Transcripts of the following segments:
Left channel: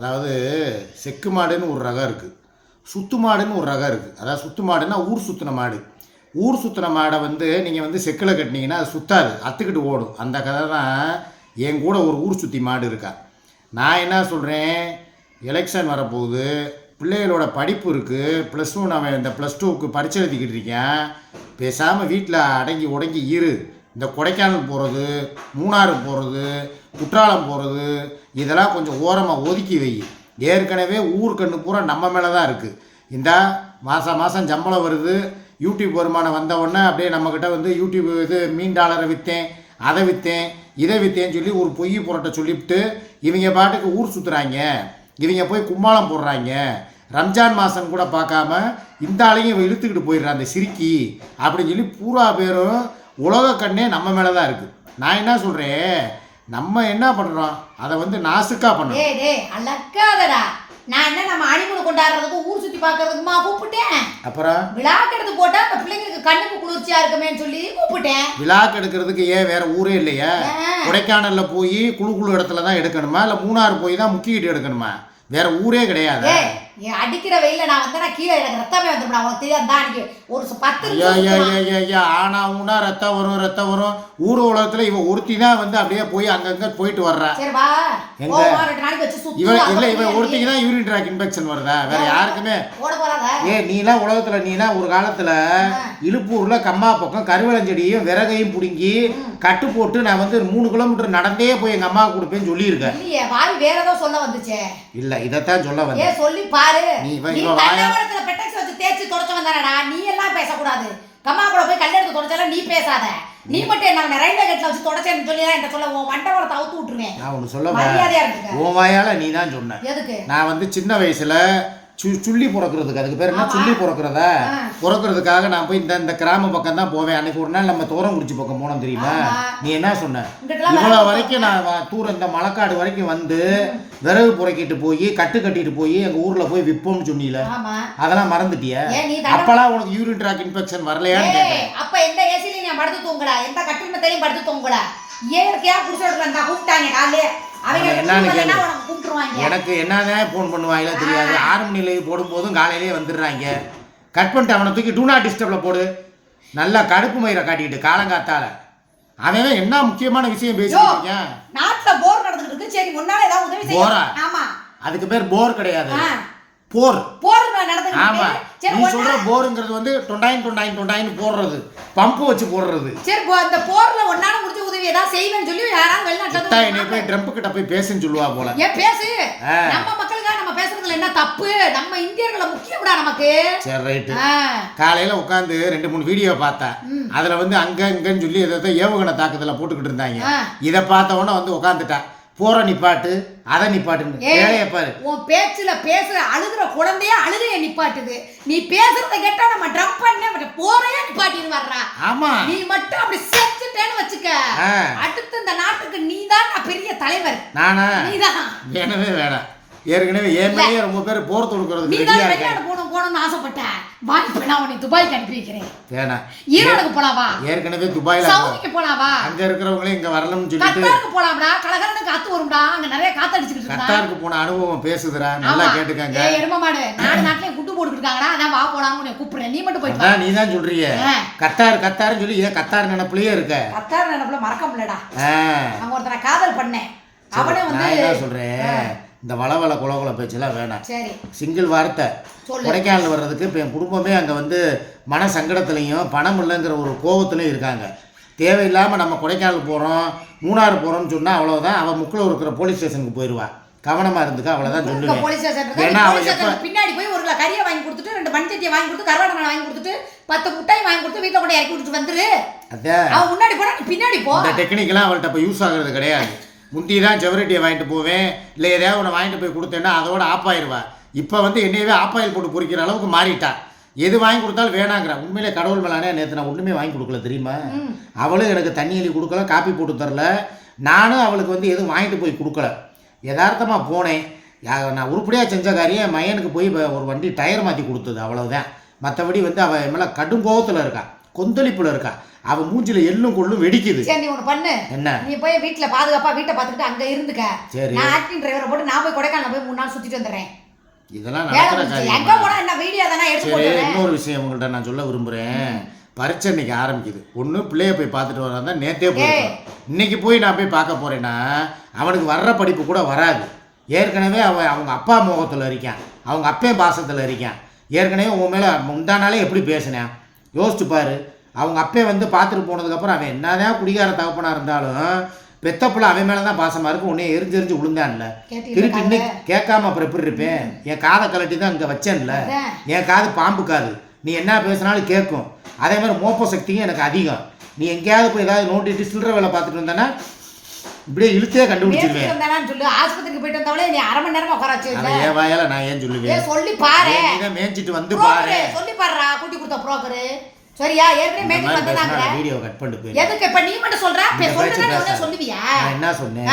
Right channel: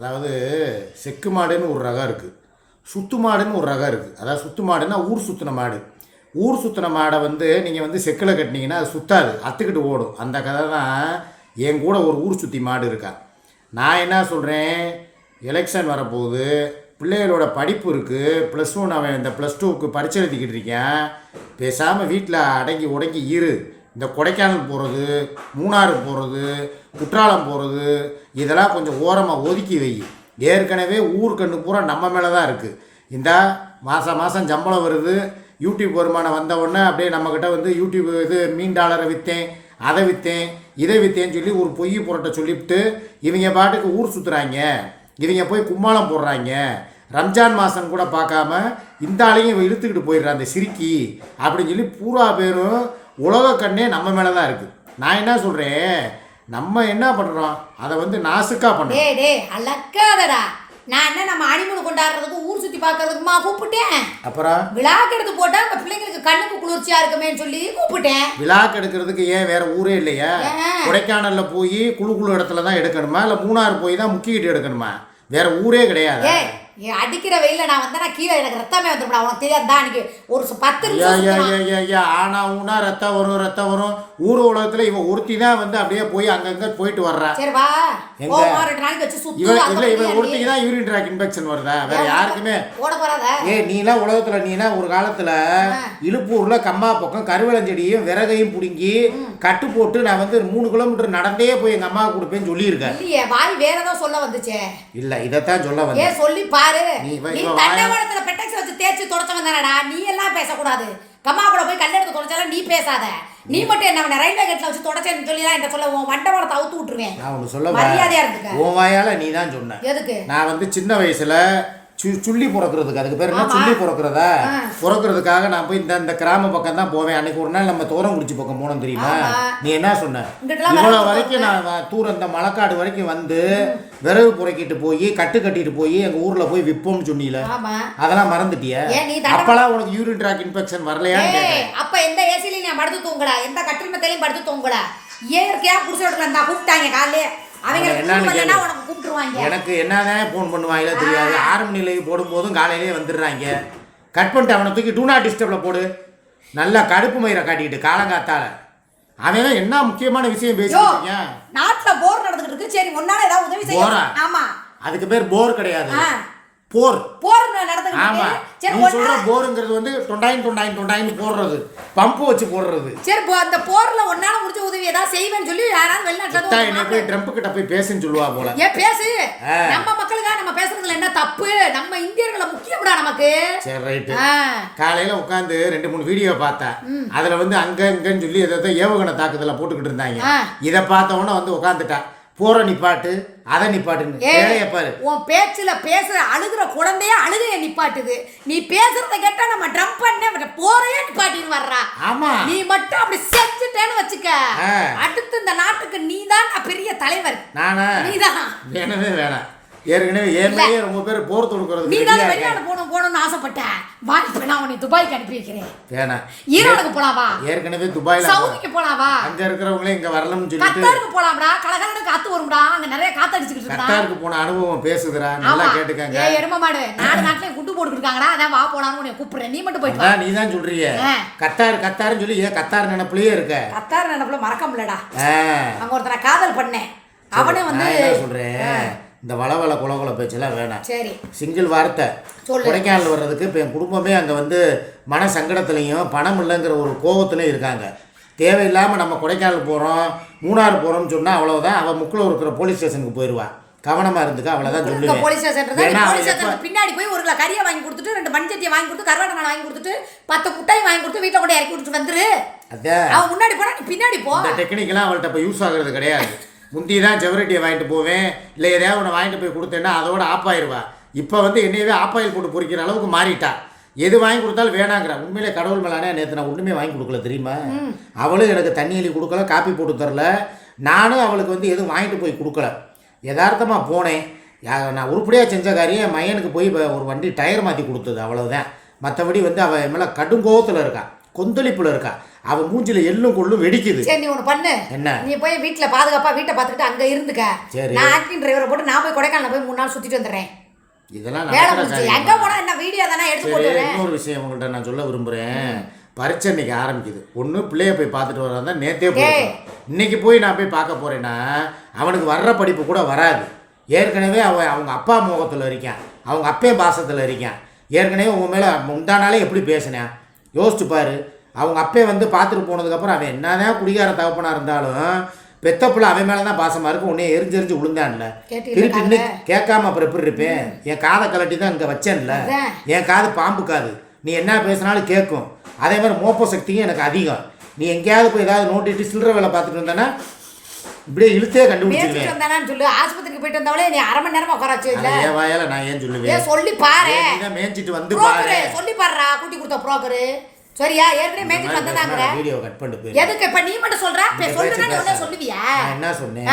அதாவது செக்கு மாடுன்னு ஒரு ரகம் இருக்குது, சுத்து மாடுன்னு ஒரு ரகம் இருக்குது. அதாவது சுத்து மாடுன்னா ஊர் சுற்றின மாடு. ஊர் சுற்றின மாடை நீங்கள் செக்கில் கட்டினீங்கன்னா அது சுத்தாது, அத்துக்கிட்டு ஓடும். அந்த கதை தான். என் கூட ஒரு ஊர் சுற்றி மாடு இருக்கா. நான் என்ன சொல்கிறேன், எலெக்ஷன் வரப்போகுது, பிள்ளைகளோட படிப்பு இருக்குது, +1 அவன் இந்த +2க்கு பரீட்சை எழுதிக்கிட்டு இருக்கேன். பேசாமல் வீட்டில் அடங்கி உடங்கி இரு. இந்த கொடைக்கானல் போகிறது, மூணாறு போகிறது, குற்றாலம் போகிறது, இதெல்லாம் கொஞ்சம் ஓரமாக ஒதுக்கி வை. ஏற்கனவே ஊருக்கண்ணு பூரா நம்ம மேலே தான் இருக்குது. இந்த மாதம் சம்பளம் வருது, யூடியூப் வருமானம் வந்தவுடனே அப்படியே நம்மக்கிட்ட யூடியூப் மீன் டாலரை விற்றேன், அதை விற்றேன், இதை விற்றேன்னு சொல்லி ஒரு பொய் புரட்டை சொல்லிவிட்டு இவங்க பாட்டுக்கு ஊர் சுற்றுறாங்க. இவங்க போய் கும்மாளம் போடுறாங்க. ரம்ஜான் மாதம் கூட பார்க்காம இந்த ஆளையும் இழுத்துக்கிட்டு போயிடுறான் அந்த சிரிக்கி அப்படின்னு சொல்லி பூரா பேரும் உலக கண்ணே நம்ம மேலே தான் இருக்குது. நான் என்ன சொல்கிறேன், நம்ம என்ன பண்ணுறோம், அதை நாசுக்காக பண்ணுறோம். நான் என்ன நம்ம அனிமனை கொண்டாடுறதுக்கு ஊர் சுற்றி பார்க்கறதுக்குமா கூப்பிட்டேன். அப்புறம் விழாக்கு எடுத்து போட்டா அந்த பிள்ளைங்களுக்கு கண்ணுக்கு குளிர்ச்சியா இருக்குமேன்னு சொல்லி கூப்பிட்டேன். விழாக்கு எடுக்கிறதுக்கு ஏன் வேற ஊரே இல்லையா? கொடைக்கானல்ல போய் குழு இடத்துல தான் எடுக்கணுமா, இல்லை மூணாறு போய் தான் முக்கிக்கிட்டு எடுக்கணுமா? வேற ஊரே கிடையாது. அடிக்கிற வெயில நான் நான் கீழே எனக்கு ரத்தமே வந்துடும். உனக்கு தெரியாதா? அன்னைக்கு ஒரு 10 ஆனா ஊனா ரத்தம் வரும். ஊர் உலகத்துல இவன் ஒருத்தி தான் அப்படியே போய் அங்கங்க போயிட்டு வர்றா. எங்க இவன் ஒருத்திக்கு தான் யூரின் ட்ராக் இன்ஃபெக்ஷன் வருதா? வேற யாருக்குமே நீலாம் உலகத்துல நீனா ஒரு காலத்துல இழுப்பூர்ல கம்மா பக்கம் கருவளஞ்செடியும் விறகையும் பிடுங்கி கட்டு போட்டு நான் 3 கிலோமீட்டர் நடந்தே போய் எங்க அம்மாவுக்கு கொடுப்பேன்னு சொல்லியிருக்கேன். வேற ஏதோ சொல்ல வந்துச்சு. இல்ல இதைத்தான் சொல்ல வந்தேன். சொல்லி பாரு. நீ தண்டவாளத்துல பெட்டக்ஸ் வச்சு தேய்ச்சி தொடச்சவன் தானடா. நீ எல்லாம் பேசக்கூடாது. கம்மா கூட போய் கல்ல எடுத்து தொடச்சாலும் நீ பேசாத. நீ மட்டும் என்ன ரயில்வே கேட்ல வச்சு தொடச்சேன்னு சொல்லி தான் என்ன சொல்ல, உன் மண்டபத்தை அவுத்து விட்டுருவேன். நான் ஒன்று சொல்ல, உன் வாயால நீ தான் சொன்ன. எதுக்கு? நான் சின்ன வயசுல சுள்ளி பிறக்கிறதுக்கு, அதுக்கு பேர் என்ன, சுள்ளி பிறக்கிறதுக்காக நான் போய் இந்த கிராம பக்கம் தான் போவேன். அன்னைக்கு ஒரு நாள் நம்ம தோரங்குறிச்சி பக்கம் போனோம் தெரியுமா? நீ என்ன சொன்ன, இவ்வளோ வரைக்கும் நான் தூரம் இந்த மலைக்காடு வரைக்கும் விறகு புறக்கிட்டு போய் கட்டிட்டு போய் எங்கள் ஊரில் போய் விற்போம்னு சொன்னீல, அதெல்லாம் மறந்துட்டிய? அப்பெல்லாம் உனக்கு யூரின் ட்ராக் இன்ஃபெக்ஷன் வரலையான்னு கேட்குறேன். அப்போ எந்த ஏசிலையும் நான் படுத்து தூங்கல, எந்த கட்டிடத்தையும் படுத்து தூங்கல. இயற்கையாக பிடிச்சிட்டு கூப்பிட்டாங்க காலையே. என்னன்னு கேளு. எனக்கு என்னதான் ஃபோன் பண்ணுவாங்களோ தெரியாது. 6 மணி லைவ் போடும்போதும் காலையிலேயே வந்துடுறாங்க. கட் பண்ணிட்டு அவனை தூக்கி டூ நாட் டிஸ்டர்ப்ல போடு. நல்லா கடுப்பு மயிரை காட்டிக்கிட்டு காலங்காத்தால அவன் என்ன முக்கியமான விஷயம் பேசிக்கிட்டீங்க. நாட்டுல போர் நடந்துட்டு இருக்கு. சரி முன்னால ஏதாவது உதவி செய்ய. போரா? ஆமா, அதுக்கு பேர் போர் கிடையாது, போர். ஆமா, நீ சொல்ற போருங்கிறது டொண்டாயின் போடுறது, பம்பு வச்சு போடுறது. சரி, அந்த போர்ல ஒன்னால முடிஞ்ச உதவி ஏதாவது செய்வேன்னு சொல்லி யாராவது வெளிநாட்டுல என்னை போய் ட்ரம்ப் கிட்ட போய் பேசுன்னு சொல்லுவா போல. ஏன் பேசு, நம்ம மக்களுக்காக நம்ம பேசுறதுல என்ன தப்பு? நம்ம இந்தியர்களை முக்கியம்டா நமக்கு. சரி ரைட்டு. காலையில உட்காந்து 2-3 வீடியோ பார்த்தேன். அதுல அங்க இங்கன்னு சொல்லி ஏதோ ஏவுகணை தாக்குதல போட்டுக்கிட்டு இருந்தாங்க. இதை பார்த்த உடனே உட்காந்துட்டா, போற நிப்பாட்டு அதை நிப்பாட்டுன்னு வேலைய பாரு. உன் பேச்சுல பேசுற அழுகுற குழந்தைய அழுகைய நிப்பாட்டுது. நீ பேசுறத கேட்டா நம்ம ட்ரம்ப் பண்ண போறையே நிப்பாட்டின்னு வர்றா. ஆமா, நீ மட்டும் அப்படி செஞ்சுட்டேன்னு வச்சுக்க, அடுத்து இந்த நாட்டுக்கு நீதான் பெரிய தலைவர். நானா? நீதான். வேணவே வேணாம். ஏற்கனவே ஏமையே ரொம்ப பேர் போர் தொடுக்கிறதுக்கு ரெடியா இருக்காங்க. போகணும்னு ஆசைப்பட்டேன். வாய்ப்புனா உன்னை துபாய்க்கு அனுப்பி வைக்கிறேன். வேணாம். ஈரோடுக்கு போலாவா? ஏற்கனவே துபாயில சவுதிக்கு போலாவா? அங்க இருக்கிறவங்களே இங்க வரணும்னு சொல்லிட்டு கத்தாருக்கு போலாம்டா. கலகலன்னு காத்து வரும்டா, அங்க நிறைய காத்து அடிச்சிட்டு இருக்கா. கத்தாருக்கு போன அனுபவம் பேசுதுடா, நல்லா கேட்டுக்கங்க. எரும மாடு நாட்டுலயே குட்டு போட்டுட்டு இருக்காங்கடா. அதான் வா போலாம்னு உன்னை கூப்பிடுறேன். நீ மட்டும் போய் வா. நீ தான் சொல்றியே கத்தாருன்னு சொல்லி ஏன் கத்தார் நினைப்புலயே இருக்க? கத்தார் நினைப்புல மறக்க முடியலடா. அங்க ஒருத்தனை காதல் பண்ணேன். அவனே நான் என்ன சொல்றேன், இந்த வளவள குலகுல பேச்செல்லாம் வேணாம். சரி, சிங்கிள் வார்த்தை. கொடைக்கானல் வர்றதுக்கு இப்போ என் குடும்பமே அங்கே மன சங்கடத்துலையும் பணம் இல்லைங்கிற ஒரு கோபத்துலையும் இருக்காங்க. தேவையில்லாமல் நம்ம கொடைக்கானல் போகிறோம் மூணாறு போகிறோம்னு சொன்னால் அவ்வளோதான். அவள் முக்கில் இருக்கிற போலீஸ் ஸ்டேஷனுக்கு போயிடுவா. கவனமாக இருந்துக்க, அவ்வளோதான் சொல்லுவேன். ஏன்னா அவள் எப்போ பின்னாடி போய் 1 கிலோ கறியை வாங்கி கொடுத்துட்டு 2 மண்சட்டியை வாங்கி கொடுத்து கருவாடை வாங்கி கொடுத்துட்டு 10 முட்டையை வாங்கி கொடுத்து வீட்டில் கூட இறக்கி விட்டுட்டு வந்துரு. அதான் அவன் முன்னாடி போனா பின்னாடி போ. இந்த டெக்னிக்கெலாம் அவள்கிட்ட இப்போ யூஸ் ஆகுறது கிடையாது. முந்தி தான் செவரட்டியை வாங்கிட்டு போவேன், இல்லை எதையாவது ஒன்று வாங்கிட்டு போய் கொடுத்தேன்னா அதோட ஆப்பாயிருவா. இப்போ என்னையவே ஆப்பாயில் போட்டு பொறிக்கிற அளவுக்கு மாறிட்டா. எது வாங்கி கொடுத்தாலும் வேணாங்கிறா. உண்மையிலே கடவுள் மேலானே நேற்று நான் ஒன்றுமே வாங்கி கொடுக்கல தெரியுமா? அவளும் எனக்கு தண்ணி எழுதி கொடுக்கல, காப்பி போட்டு தரல. நானும் அவளுக்கு எதுவும் வாங்கிட்டு போய் கொடுக்கல. யதார்த்தமாக போனேன். நான் உருப்படியாக செஞ்ச காரியம் என் மையனுக்கு போய் ஒரு வண்டி டயர் மாற்றி கொடுத்தது, அவ்வளோதான். மற்றபடி அவள் மேலே கடும் கோபத்தில் இருக்கா. கொந்தளிப்புல இருக்கா. அவன் மூஞ்சில எள்ளும் கொள்ளும் வெடிக்குது. சரி நீ ஒன்று பண்ணு. என்ன? நீ போய் வீட்டில் பாதுகாப்பா வீட்டை பார்த்துக்கிட்டு அங்கே இருந்துக்க. சரி. நான் ஆக்டிங் டிரைவரை போட்டு நான் போய் கொடைக்கானல் போய் 3 நாள் சுற்றிட்டு வந்துடுறேன். இதெல்லாம் நடக்கிற காரியம். எங்கே போனால் என்ன வீடியோ தானே எடுத்து சரி, போடுறேன். இன்னொரு விஷயம் உங்கள்கிட்ட நான் சொல்ல விரும்புகிறேன். பரீட்சை இன்னைக்கு ஆரம்பிக்குது. ஒன்று பிள்ளைய போய் பார்த்துட்டு வரா தான் நேற்றே போயிருக்கோம். இன்னைக்கு போய் நான் போய் பார்க்க போகிறேன்னா அவனுக்கு வர்ற படிப்பு கூட வராது. ஏற்கனவே அவங்க அப்பா முகத்தில் இருக்கான், அவங்க அப்பே பாசத்தில் இருக்கான். ஏற்கனவே உன் மேலே முந்தானாலே எப்படி பேசினேன் யோசிச்சு பாரு. அவங்க அப்பே வந்து பார்த்துட்டு போனதுக்கப்புறம் அவன் என்னதான் குடிகார தகப்பனாக இருந்தாலும் பெத்த பிள்ளை அவன் மேலே தான் பாசமாக இருக்கும். உன்னே எரிஞ்செரிஞ்சு விழுந்தான்ல, திருப்பி இன்னைக்கு கேட்காம அப்புறம் எப்படி இருப்பேன்? என் காதை கலட்டி தான் இங்கே வச்சேன்ல, என் காது பாம்பு காது, நீ என்ன பேசினாலும் கேட்கும். அதே மாதிரி மோப்ப சக்தியும் எனக்கு அதிகம். நீ எங்கேயாவது போய் ஏதாவது நோண்டிட்டு சில்லற வேலை பார்த்துட்டு வந்தானா இப்படியே இழுத்தே கண்டுபிடிச்சிருவேன். சொல்லு ஆஸ்பத்திரிக்கு போயிட்டு வந்தாலே நீ 1/2 மணி நேரமா உட்கார வச்சு. என் வாயால நான் ஏன் சொல்லுவேன்? சொல்லி பாரு. நீ தான் மேய்ச்சிட்டு வந்து பாரு. சொல்லி பாருடா, கூட்டி கொடுத்த புரோக்கரு. சரியா? ஏற்கனவே மேய்ச்சிட்டு வந்தாங்க. வீடியோ கட் பண்ணிட்டு போய் எதுக்கு இப்ப நீ மட்டும் சொல்ற? சொல்லுங்க சொல்லுவியா? நான் என்ன சொன்னேன்?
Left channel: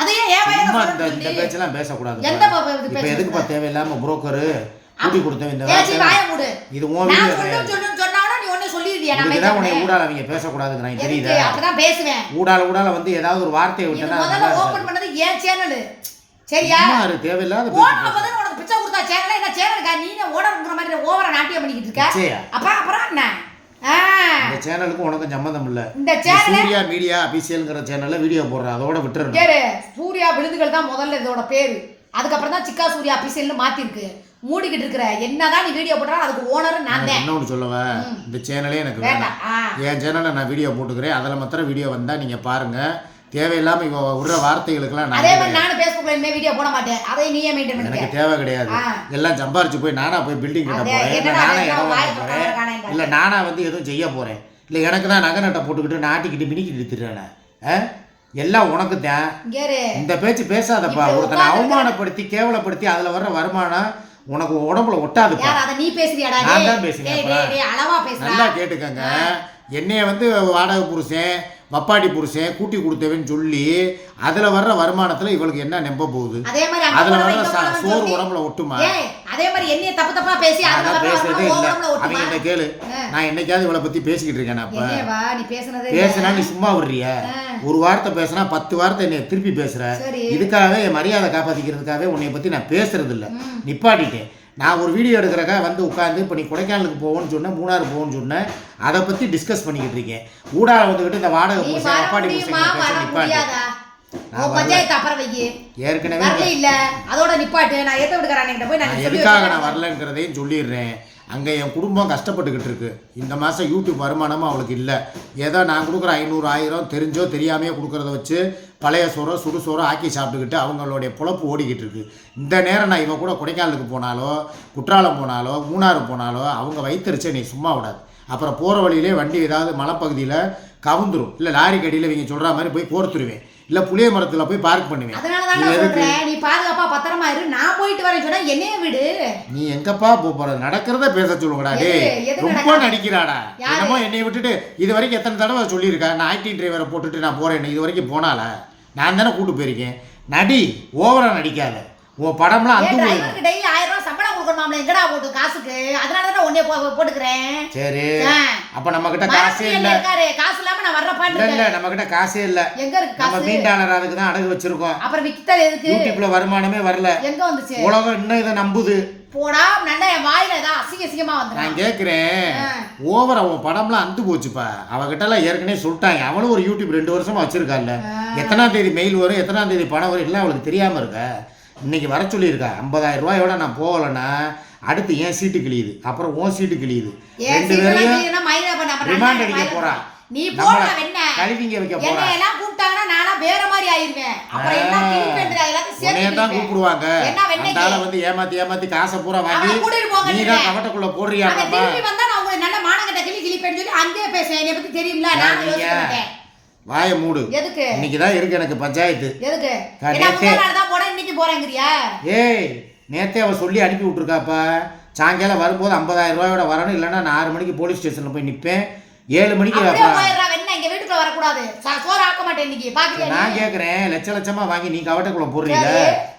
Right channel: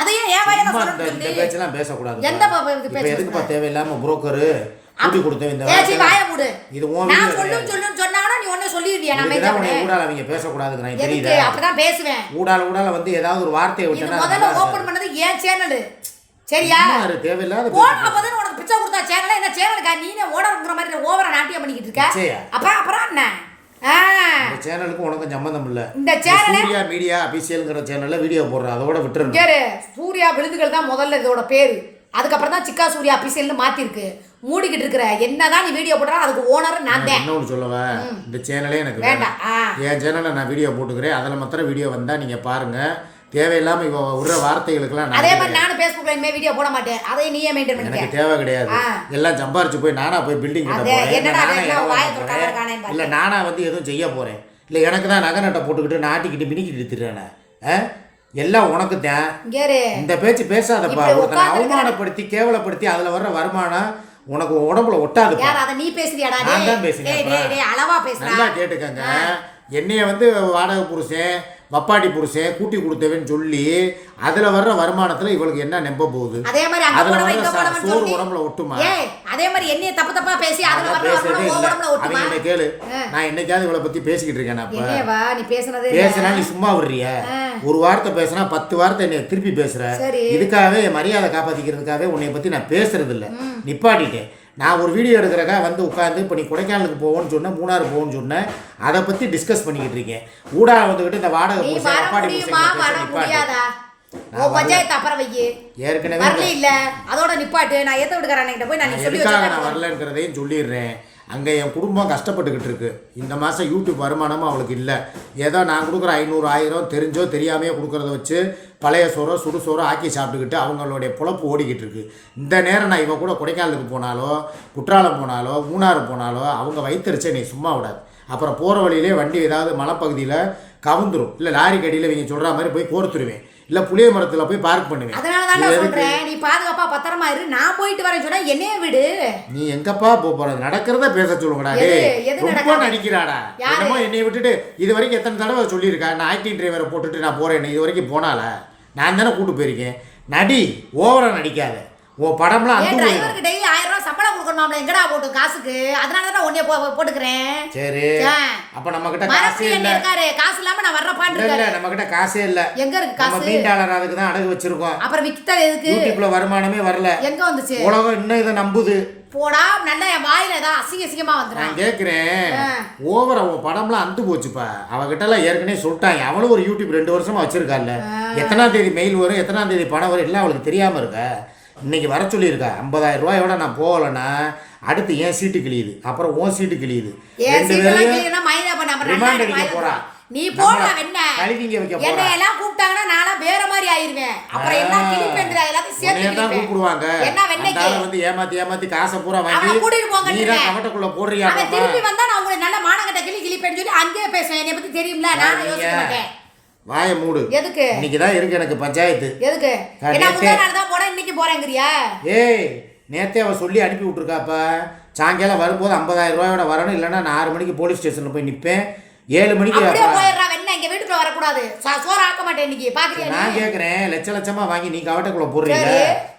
அதையே ஏன் வாயால சொல்ற? இந்த பேச்செல்லாம் பேசக்கூடாது. எந்த பேச்சு? இப்போ எதுக்குப்பா தேவையில்லாம புரோக்கரு கூட்டி கொடுத்த இந்த பேச்சு வாய மூடு. இது உன் வீடியோ நான் சொல்லுன்னு சொன்னானா நீ ஒண்ணே சொல்லிருவியா? நம்ம இதான் உன்னை ஊடால அவங்க பேசக்கூடாதுங்கறாங்க, தெரியுதா? அப்பதான் பேசுவேன். ஊடால வந்து ஏதாவது ஒரு வார்த்தையை விட்டனா முதல்ல ஓபன் பண்ணது ஏன் சேனல். சரியா? யாரு தேவையில்லாத பேச்சு ஓபன் பண்ணது உனக்கு பிச்சை கொடுத்தா சேனல் என்ன சேனலுக்கா? நீனே ஓடர்ங்கற மாதிரி ஓவரா நாட்டியம் பண்ணிக்கிட்டு இருக்க. அப்புறம் என்ன? இந்த சேனலுக்கு உனக்கு சம்பந்தம் இல்ல. இந்த சேனல் சூர்யா மீடியா அபிஷியல்ங்கற சேனல்ல வீடியோ போடுற, அதோட விட்டுறணும். கேரு, சூர்யா விழுதுகள் தான் முதல்ல இதோட பேரு. அதுக்கப்புறம் தான் சிக்கா சூர்யா அபிஷியல்னு மாத்திருக்கு. மூடிக்கிட்டு இருக்கிற என்னதான் நீ வீடியோ போடுறா அதுக்கு ஓனர் நான் தான். இன்னொன்று சொல்லவா, இந்த சேனலே எனக்கு வேண்டாம். என் சேனல்ல நான் வீடியோ போட்டுக்கிறேன், அதில் மாத்திரம் வீடியோ வந்தா நீங்க பாருங்க. தேவையில்லாம இவ விடுற வார்த்தைகளுக்கெல்லாம் அதே மாதிரி நானும் ஃபேஸ்புக்ல இனிமே வீடியோ போட மாட்டேன். அதை நீயே மெயின்டைன் பண்ணு. எனக்கு தேவை கிடையாது. எல்லாம் சம்பாரிச்சு போய் நானா போய் பில்டிங் கட்ட போறேன், இல்ல நானா இடம் வாங்க போறேன், இல்ல நானா வந்து எதுவும் செய்ய போறேன், இல்ல எனக்கு தான் நகை நட்டை போட்டுக்கிட்டு நாட்டிக்கிட்டு மினிக்கிட்டு திட்டுறேன். எல்லாம் உனக்கு தான். இந்த பேச்சு பேசாதப்பா. ஒருத்தனை அவமானப்படுத்தி கேவலப்படுத்தி அதுல வர்ற வருமானம் உனக்கு உடம்புல ஒட்டாதுப்பா. நீ பேசுறியாடா? நான் தான் பேசுறேன். நல்லா கேட்டுக்கங்க. என்னைய வந்து வாடகை புருஷன், வப்பாடி புருஷன், கூட்டி கொடுத்தவன்னு சொல்லி அதுல வர்ற வருமானத்துல இவளுக்கு என்ன நம்ப போகுது? அதுல வர்ற சோறு உடம்புல ஒட்டுமா? அதே மாதிரி என்னைய தப்பு தப்பா பேசி அதான் பேசுறதே இல்ல. அவங்க என்ன கேளு, நான் என்னைக்காவது இவளை பத்தி பேசிக்கிட்டு இருக்கேன்? பேசுனா நீ சும்மா விடுறிய? ஒரு வார்த்தை பேசினா 10 வார்த்தை என்னை திருப்பி பேசுற. இதுக்காகவே என் மரியாதை காப்பாத்திக்கிறதுக்காகவே உன்னை பத்தி நான் பேசுறது இல்லை, நிப்பாட்டிட்டேன். நான் ஒரு வீடியோ எடுக்கிறக்கா வந்து உட்காந்து இப்போ நீ கொடைக்கானலுக்கு போவோன்னு சொன்னேன், மூணாறு போவோன்னு சொன்னேன், அதை பற்றி டிஸ்கஸ் பண்ணிக்கிட்டு இருக்கேன். ஊடால வந்துக்கிட்டு இந்த வாடகை பூசை அப்பாடி பூசைங்க பேச நிப்பாட்டு. ஏற்கனவே அதோட நிப்பாட்டு. நான் எதுக்காக நான் வரலங்கிறதையும் சொல்லிடுறேன். அங்கே என் குடும்பம் கஷ்டப்பட்டுக்கிட்டு இருக்கு. இந்த மாதம் யூடியூப் வருமானமும் அவளுக்கு இல்லை. ஏதோ நான் கொடுக்குற 500 1000 தெரிஞ்சோ தெரியாமையோ கொடுக்குறத வச்சு பழைய சோறோ சுடு சோறோ ஆக்கி சாப்பிட்டுக்கிட்டு அவங்களுடைய பொழப்பு ஓடிக்கிட்டு இருக்கு. இந்த நேரம் நான் இவன் கூட கொடைக்கானலுக்கு போனாலோ குற்றாலம் போனாலோ மூணாறு போனாலோ அவங்க வைத்தறிச்சே நீ சும்மா விடாது. அப்புறம் போகிற வழியிலே வண்டி ஏதாவது மலைப்பகுதியில் கவுந்துரும், இல்லை லாரி கடியில் இவங்க சொல்கிற மாதிரி போய் கோர்த்துருவேன், இல்லை புளிய மரத்தில் போய் பார்க் பண்ணுவேன். நீ பாதுகாப்பா பத்திரமா இரு, நான் போயிட்டு வரேன் சொன்னா என்னைய விடு. நீ எங்கப்பா போறது? நடக்கிறத பேச சொல்லுங்கடா. டேய் ரொம்ப நடிக்கிறாடா. என்னமோ என்னைய விட்டுட்டு இது வரைக்கும் எத்தனை தடவை சொல்லியிருக்கா நான் ஆக்டிங் டிரைவரை போட்டுட்டு நான் போறேன். இது வரைக்கும் போனால நான் தானே கூட்டு போயிருக்கேன். நடி, ஓவரா நடிக்காத. உன் படம்லாம் அந்த போயிடும். டெய்லி 1000 ரூபாய் சம்பளம் கொடுக்கணும், எங்கடா போட்டு காசுக்கு? அதனால தான் உன்னை போட்டுக்கிறேன். சரி, அப்ப நம்ம கிட்ட காசே இல்ல. காசு இல்லாம நான் வர்றப்பா இல்ல, நம்ம கிட்ட காசே இல்ல. எங்க இருக்கு காசு? நம்ம மீண்டாளர் அதுக்கு தான் அடகு வச்சிருக்கோம். அப்புறம் விக்கிட்ட எதுக்கு? யூடியூப்ல வருமானமே வரல. எங்க வந்துச்சு? உலகம் இன்னும் இதை நம்புது. போடா, நல்ல என் வாயில ஏதாவது அசிங்கமா வந்து. நான் கேட்குறேன், ஓவரா உன் படம்லாம் அந்து போச்சுப்பா. அவகிட்டலாம் ஏற்கனவே சொல்லிட்டாங்க. அவளும் ஒரு யூடியூப் 2 வருஷமா வச்சிருக்காள்ல. எத்தனாம் தேதி மெயில் வரும், எத்தனாம் தேதி பணம் வரும் எல்லாம் அவளுக்கு தெரியாமல் இருக்கா. இன்னைக்கு வர சொல்லியிருக்கா. 50000 ரூபாயோட நான் போகலன்னா அடுத்து என் சீட்டு கிழியுது, அப்புறம் உன் சீட்டு கிழியுது. 2 பேரையும் ரிமாண்ட் அடிக்க போறா. நீ போடா வெண்ண கழுவிங்க வைக்க போறா. என்னை எல்லாம் கூப்பிட்டாங்கன்னா நானா வேற மாதிரி ஆயிருவேன். அப்புறம் என்ன கிளிப்பேந்திரா எல்லாத்தையும் சேர்த்து உன்னைய தான் கூப்பிடுவாங்க. அந்தால வந்து ஏமாத்தி காசை பூரா வாங்கி நீ தான் கவட்டக்குள்ள போடுறியா? நம்ம திருப்பி வந்தா நான் உங்களை நல்ல மானங்கட்ட கிளிப்பேன்னு சொல்லி அங்கேயே பேசுறேன். என்னை பத்தி தெரியும்ல, நான் யோசிக்க மாட்டேன். வாய மூடு. எதுக்கு? இன்னைக்கு தான் இருக்கு எனக்கு பஞ்சாயத்து. எதுக்கு? நான் தான் போறேன், இன்னைக்கு போறேங்கறியா? ஏய், நேத்தே அவ சொல்லி அனுப்பி விட்டுருக்காப்பா. சாயங்காலம் வரும்போது 50000 ரூபாயோட வரணும், இல்லைன்னா நான் 6 மணிக்கு போலீஸ் ஸ்டேஷன்ல போய் நிற்பேன். 7 மணிக்கு எங்க வீட்டுக்குள்ள வரக்கூடாது. கூடாது சோறு ஆக்க மாட்டேன் இன்னைக்கு பாக்குறியா நான் கேட்குறேன் லட்ச லட்சமாக வாங்கி நீ கவட்டைக்குள்ள போடுறீங்க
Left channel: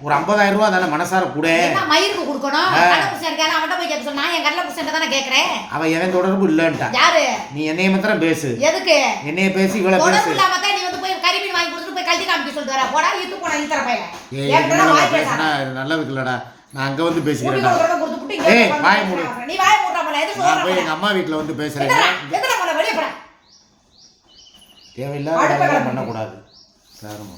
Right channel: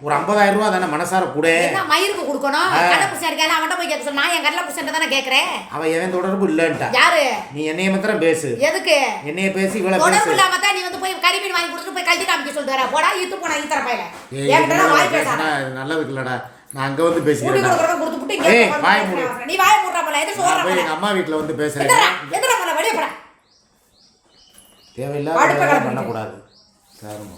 ஒரு 50,000 ரூபா தானே மனசார கூட மயிருக்கு கொடுக்கணும் கடலை புருஷன் இருக்காரு அவன்கிட்ட போய் கேட்க சொல்லு நான் என் கடலை புருஷன் தானே கேட்கறேன் அவன் எவன் தொடர்பு இல்லைன்ட்டா யாரு நீ என்னைய மாத்திரம் பேசு எதுக்கு என்னைய பேசி இவ்வளோ பேசு தொடர்பு இல்லாம தான் நீ வந்து போய் கறிமீன் வாங்கி கொடுத்துட்டு போய் கல்வி காமிக்க சொல்லிட்டு வர போடா ஈத்து போனா ஈத்தர பையல ஏய் பேசினா இது நல்லதுக்கு இல்லடா நான் அங்கே வந்து பேசிக்கிறேன்டா ஏய் வாய் மூடு நீ வாய் மூடுற போல எது நான் போய் எங்கள் அம்மா வீட்டில் வந்து பேசுகிறேன் எதுல போன வெளிய போற தேவையில்லாத வேலை பண்ணக்கூடாது சாருமா